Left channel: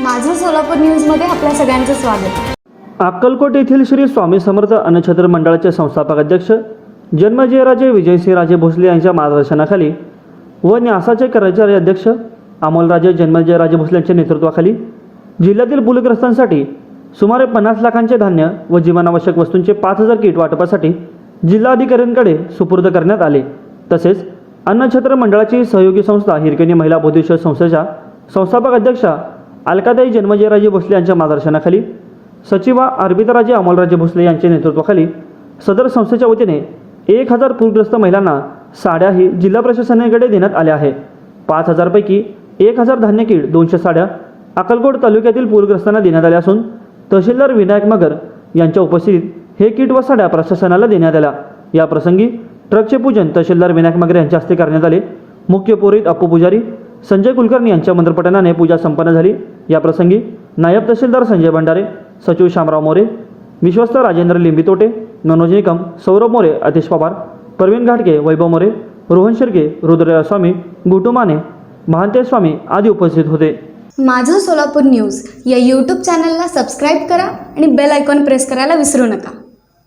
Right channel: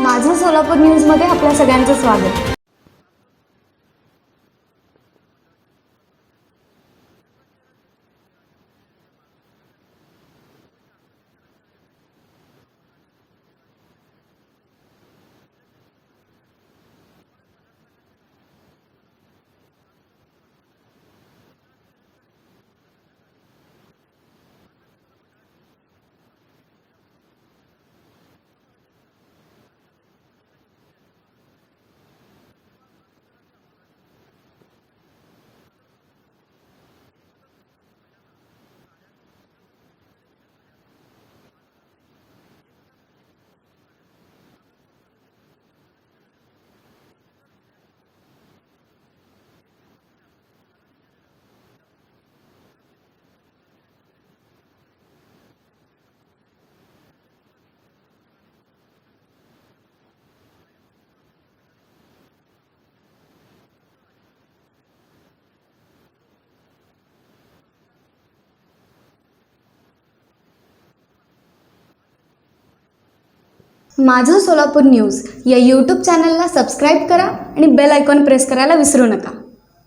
माझं सोलापूर न्यूजमध्ये आपल्या सगळ्यांचं स्वागत. अक्कलकोट येथील श्री स्वामी समर्थ अन्नछत्र मंडळाचे संस्थापक अध्यक्ष जन्मजयराजे विजयसिंहराजे भोसले यांच्या मार्गदर्शनाखाली व न्यासाचे कर्मचारी अध्यक्ष अमोलराजे जन्मजयराजे भोसले यांच्या नेतृत्वाखाली जिल्ह्यातील पूलग्रस्तांसाठी सुमारे पन्नास लाखांचे धान्य व जीवनावश्यक वस्तूंचे पाच हजार किट वाटपासाठी जिल्हाधिकाऱ्यांकडे सुपूर्द करण्यात आले. तसेच अन्नछत्र मंडळाची सहयोगी संस्था हिरकणी महिला बौद्धिक संस्थेच्या संस्थापक अध्यक्षा अलकादाई जन्मजयराजे भोसले यांच्या मार्गदर्शनाखाली सचिवा अर्पिताराजे अमोलराजे भोसले यांच्या नेतृत्वाखाली सदर संस्थेच्या वतीने एक हजार पूरग्रस्त महिलांना साड्याही जिल्हा प्रशासनाकडे देण्यात आल्या आहे पाच हजारपैकी एक हजार धान्य किट दोनशे साड्या अक्कलकोट तालुक्यातील पूरग्रस्तांना देण्यात आल्या असून तहसीलदार विनायक मगर यांच्या उपस्थितीत हे किट व साड्या प्रशासनाला देण्यात आल्या. या प्रसंगी ट्रकचे पूजन तहसीलदार विनायक मगर यांच्या हस्ते करण्यात आले. मुख्य पुरोहित अप्पू पुजारी संजय कुलकर्णी यांच्या मंत्रपठणाने पूजा संपन्न झाली. या प्रसंगी नायब तहसीलदार संजय भंडारे सचिव शामराव मोरे विश्वस्त राजेंद्र लिंबितोटे मनोज निकम सौरभ मोरे अतिश पवार प्रवीण घाटके वैभव मोरे रोहन शिर्के रुद्रया स्वामी गुटू माने महांते स्वामी आदी उपस्थित होते. माझं सोलापूर न्यूज या यूट्यूब चॅनलला सबस्क्राईब करा आणि बेल आयकॉन प्रेस करायला विसरू नका.